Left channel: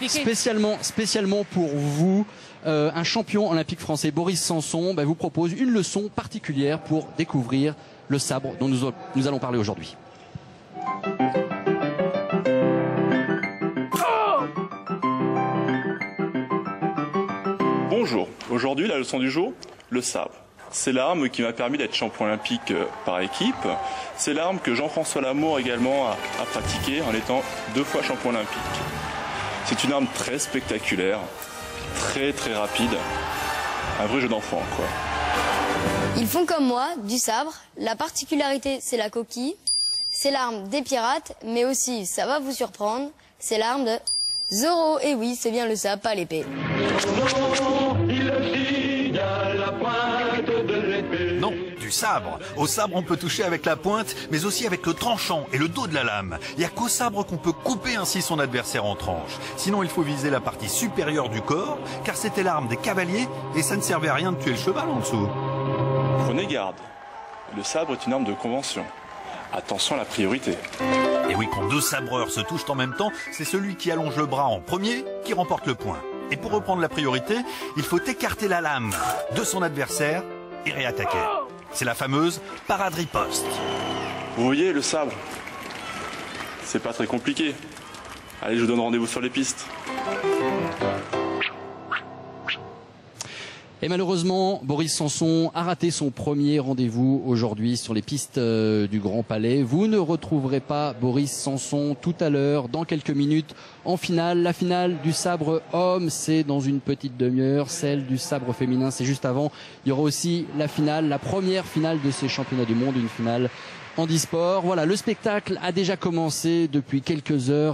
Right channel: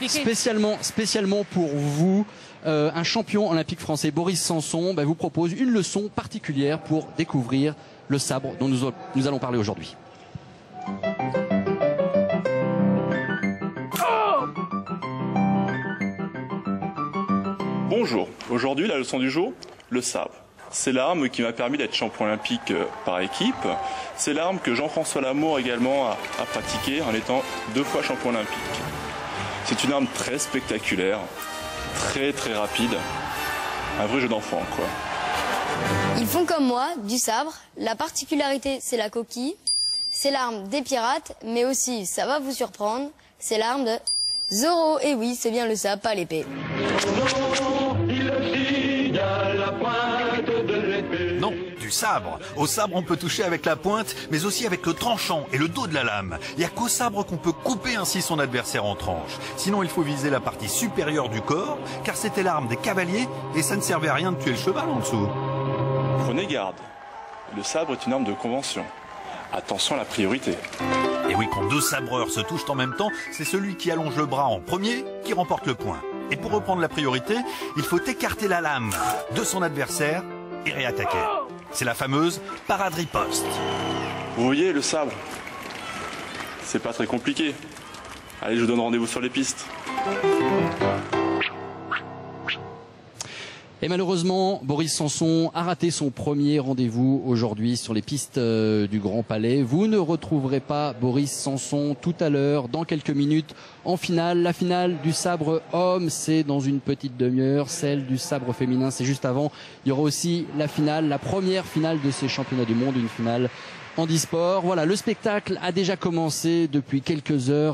expliquer. Spécialement pour vous, un champion olympique français, Boris Sanson, vous propose une leçon particulière pour découvrir le sabre dont nous allons parler aujourd'hui. Bonjour, aujourd'hui la leçon du jour, le sabre. C'est l'arme qui m'a permis d'être champion olympique par équipe. C'est l'arme que Jean-François Lamour également a pratiquée en étant 2 fois champion olympique. C'est une arme très spectaculaire, très rapide. Un vrai jeu d'enfant, quoi. Ils font comme moi, du sabre. La particularité, c'est la coquille. C'est l'arme des pirates, mais aussi, ça va vous surprendre, c'est l'arme de Zorro. Et oui, c'est bien le sabre, pas l'épée. Non, du sabre. Au sabre, on peut toucher avec la pointe, mais aussi avec le tranchant et le dos de la lame. Il n'y a qu'au sabre qu'on peut couper ainsi son adversaire en tranches. Sinon, il faut viser la partie supérieure du corps, car c'était l'arme des cavaliers, et ça ne servait à rien de tuer le cheval en dessous. Prenez garde. Le sabre est une arme de convention. Attention à la priorité. Et oui, quand 2 sabreurs se touchent en même temps, c'est celui qui allonge le bras en premier qui remporte le point. Et pour reprendre la priorité, il faut écarter la lame de son adversaire et réattaquer. C'est la fameuse parade-riposte. Vous voyez, le sabre, c'est pas très compliqué. Allez, je vous donne rendez-vous sur les pistes. Et malheureusement, Boris Sanson a raté son premier rendez-vous aujourd'hui sur les pistes du Grand Palais. Vous ne retrouverez pas Boris Sanson tout à l'heure, dans quelques minutes, en finale. La finale du sabre homme, c'est dans une petite demi-heure. Celle du sabre féminin, c'est juste avant. Il y aura aussi la finale, la première finale de ces championnats du monde, une finale handisport. Voilà, le spectacle a déjà commencé depuis quelques heures.